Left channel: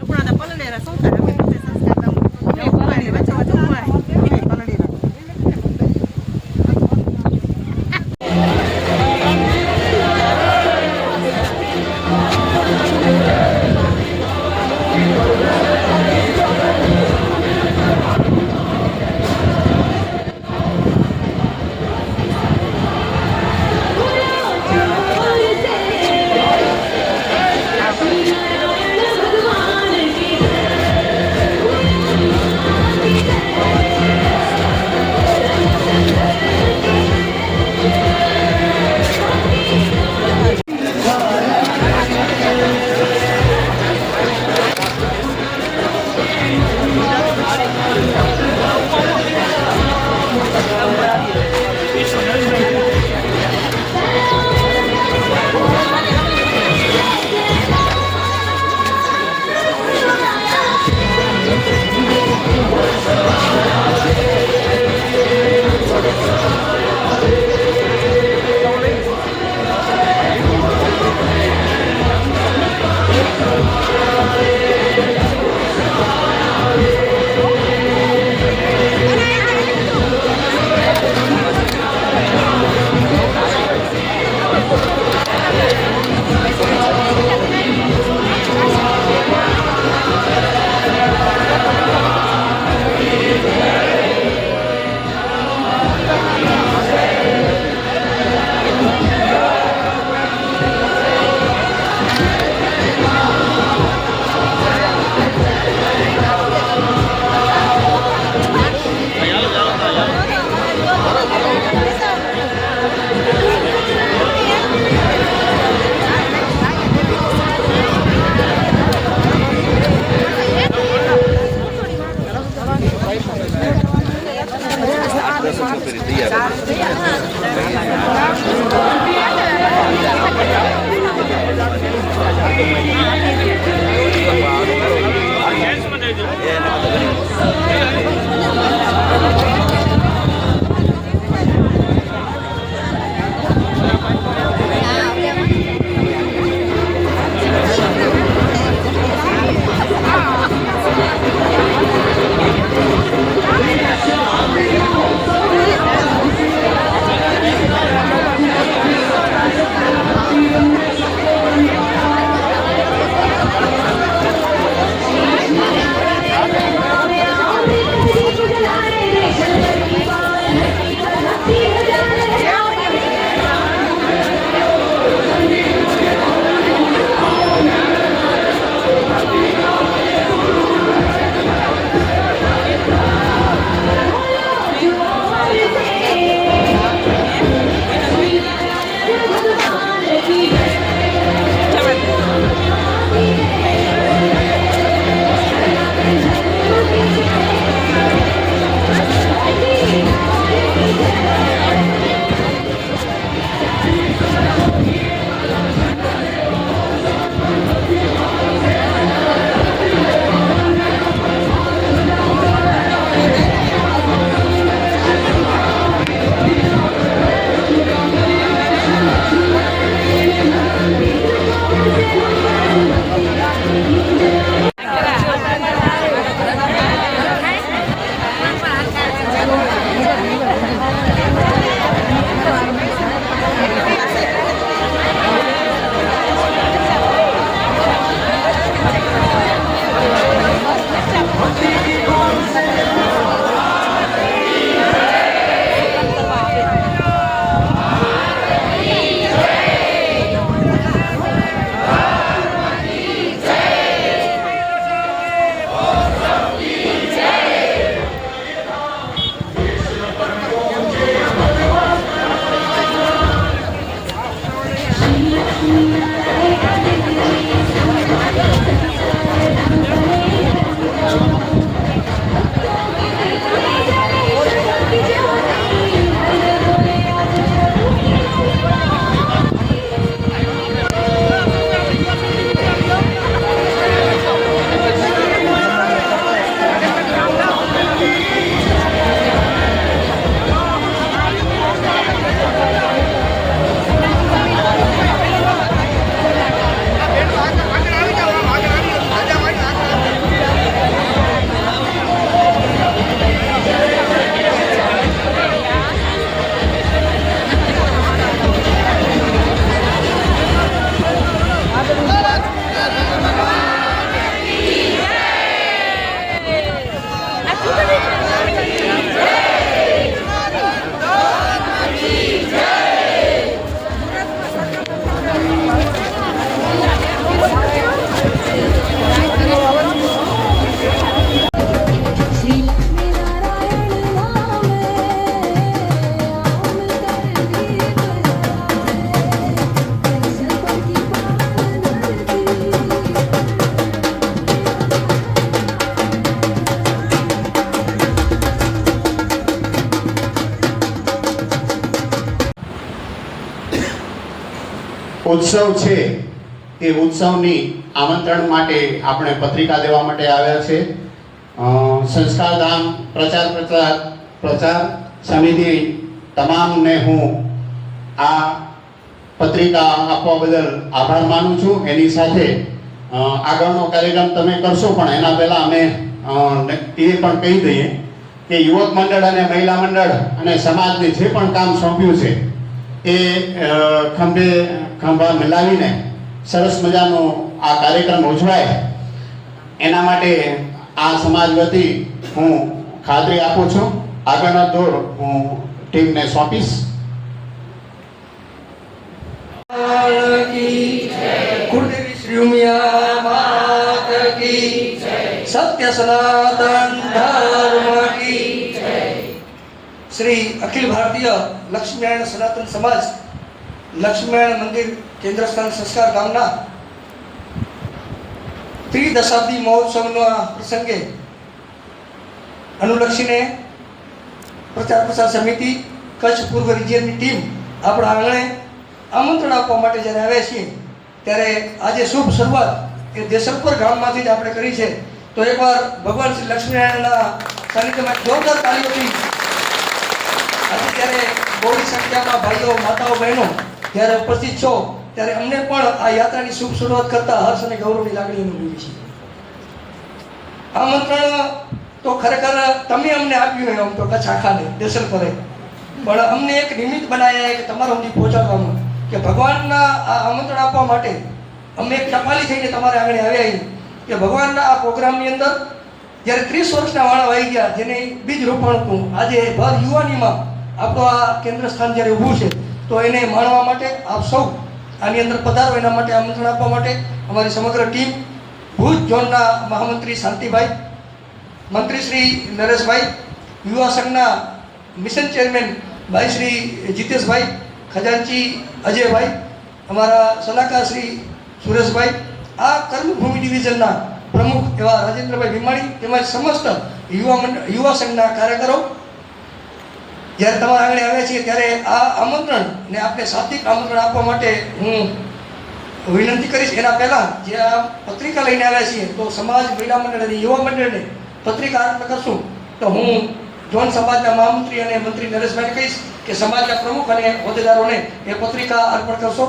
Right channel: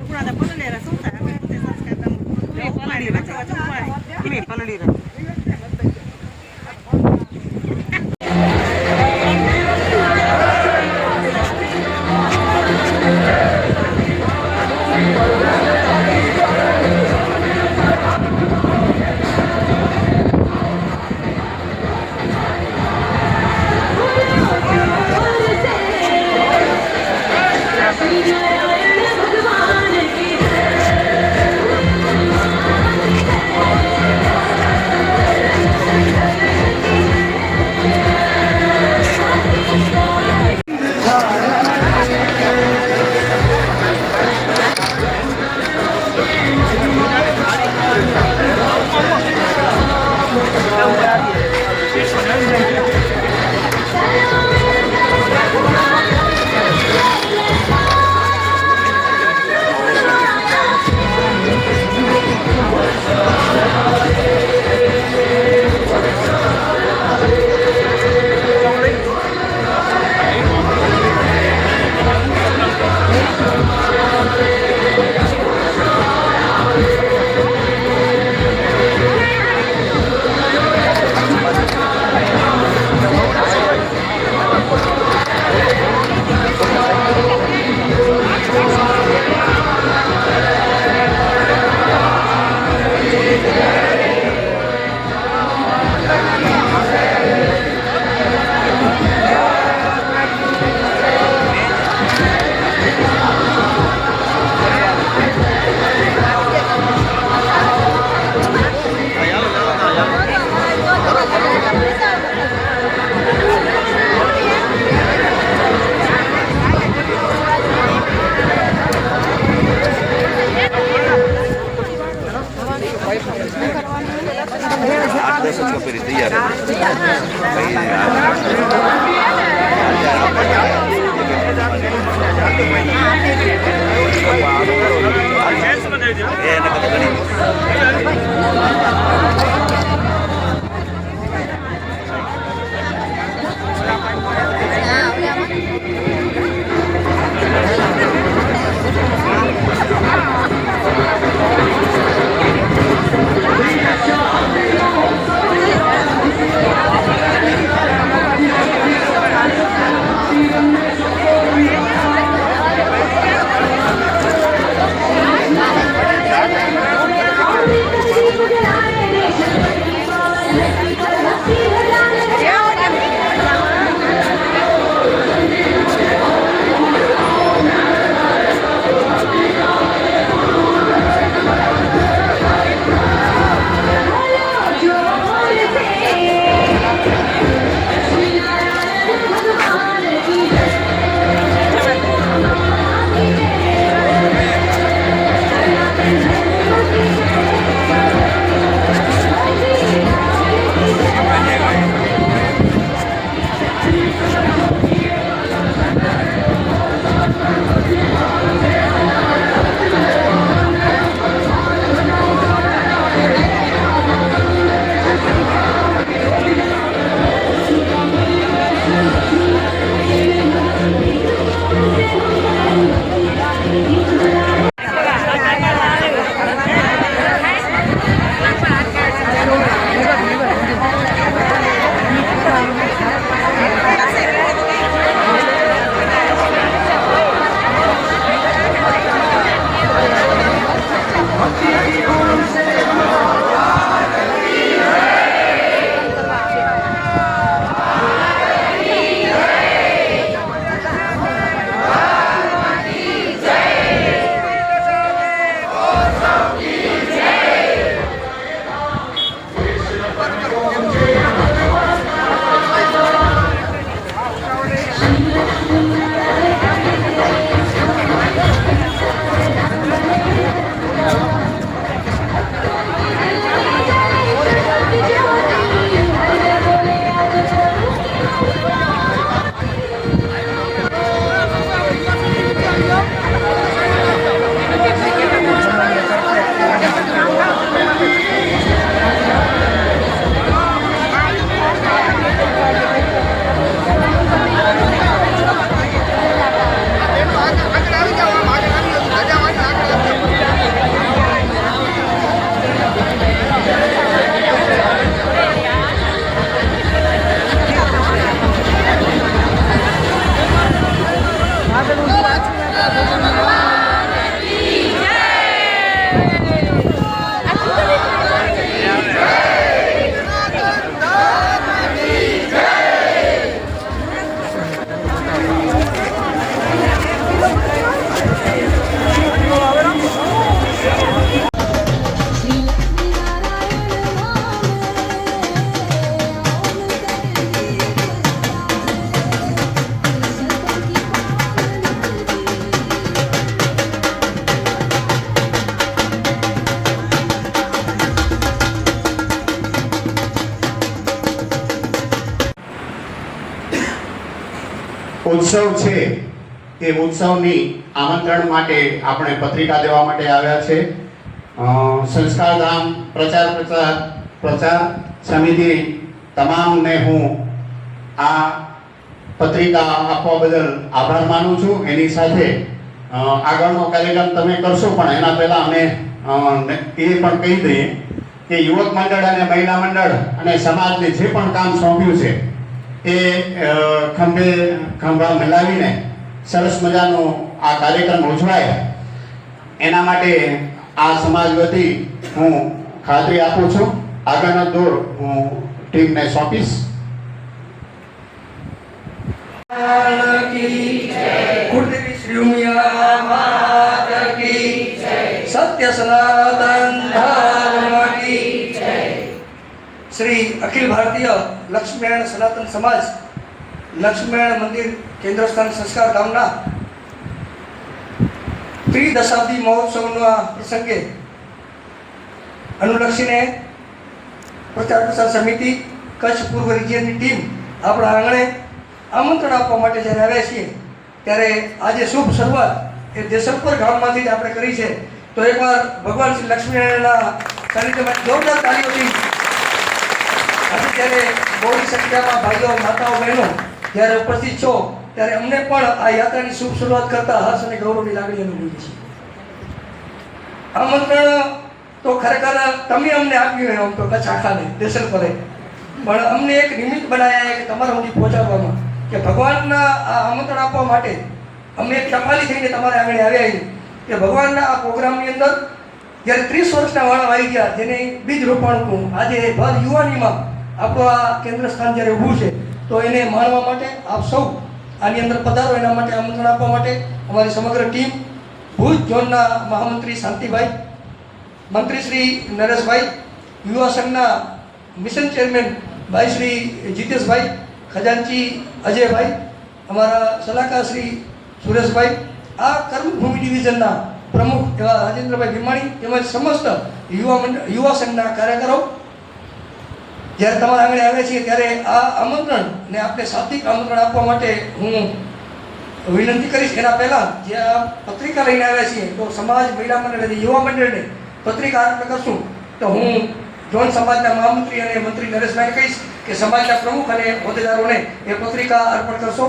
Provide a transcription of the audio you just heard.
Kuna da paladeira, são caras, mas não sei se elas cantam. Eu vou lá, vai chamar de mãe. Ini paladeira. ઉત્સવ છે એ ઉત્સવની આમંત્રણ માટે આપણે પત્રિકા દેવા માટે આવ્યા છે. સંસ્કારધામ પ્રચાર સમિતિ તમામને હું આ પત્રિકા આપવા બદલ આભાર માનું છું. એની સાથે આગળનો કાર્યક્રમ તમે કરશો, પણ એના પહેલાં અમે એ પણ કહી દઈએ કે યુવક મંડળ અને મહિલા મંડળ અને સમાજને જે પણ કામ સોંપ્યું છે એ ખંભા મિલાવીને સરસ મજાનો આ કાર્યક્રમ ઉજવાય એના માટે આ સમાજ વતી હું ખાતરી આપું છું. આગળનો દોર હું ટીમને સોંપીશ. कुलदेवी श्री उमिया मात की सत्य सनातन धर्म की श्री अखिल भारतीय लक्ष्मीनारायण सनातन समाज लक्ष्मीनारायण मंदिर केंद्र स्थान संस्कार धामना त्रिदशाब्दी महोत्सवના પ્રસંગે અનુલક્ષીને પ્રચાર પ્રસાર સમિતિ કચ્છ પૂર્વ રિજિયનની ટીમ આપણા આંગણે આમંત્રણ આપવા માટે જ્યારે આવ્યા છીએ ત્યારે આજે શુભ શરૂઆત એ દેસલપુર ગામમાંથી જ આપણે કરી છે. તો એકવાર ભગવાન શ્રી લક્ષ્મીનારાયણના સાનિધ્યમાં જોરદાર તાળીઓથી આજે ત્યારે બહોળી સંખ્યામાં ભાઈઓ માતાઓ બહેનો જ્યારે ઉપસ્થિત છો ત્યારે અમને પણ આ યાત્રાની શુભ શરૂઆત કરતા હર્ષ અને ગૌરવની લાગણી અનુભવી છે. આમંત્રણ તો ખરેખર તમે અમને આપ્યું એમ તો કચ્છ આખાને દેસલપુરે, પણ અમને એક નિમિત્ત બનાવ્યા કે તમારા સુધી પહોંચાડવાનું કે ભગવાનના આ આમંત્રણ આપવા માટે અમે એક ટપાલી થઈને તમારે આગળ આવ્યા કે ભગવાનના આ પ્રોગ્રામની અંદર જ્યારે 30 વર્ષના વાળા આવી ગયા જેને બીજ રોપાણું આજે ભર યુવાનીમાં આપણું આ કેન્દ્ર સ્થાન જ્યારે ઊભું છે તો એને માણવા માટે આપ સૌ આની અંદર પધારો એના માટે આમંત્રણ આપવા માટે અમારી સમગ્ર ટીમ ભુજ ઝોનના મહામંત્રી શાંતિભાઈ, મંત્રી શ્રી નરેશભાઈ, યુવા સંઘના મિશન ચેરમેન ભાઈ શ્રી જીતેશભાઈ, ખજાનચી અજયભાઈ, અમારા સલાહકાર શ્રી સુરેશભાઈ, આ કર્મભૂમિ ડિવિઝનના પ્રમુખ એવા રાજેન્દ્રભાઈ ભીમાણી તેમજ સમસ્ત યુવા સંઘના કાર્યકરો જ્યારે તમારા આગળ આવે છે ત્યારે આ આમંત્રણ ને આપણે સાત્વિક આમંત્રણ આપવા માટે હું વિનંતી કરીશ. એના પહેલાં જે આ પત્રિકા લઈને આવ્યા છીએ તો સમાજ મહિલા મંડળ અને યુવા મંડળને પત્રિકા અર્પણ કરશું. તો હું જોન સમાજના મહામંત્રી અને મંત્રી નરેશભાઈને કહીશ કે સમાજના પ્રમુખ અને હોદ્દેદારોને એ પત્રિકા અર્પણ કરશો.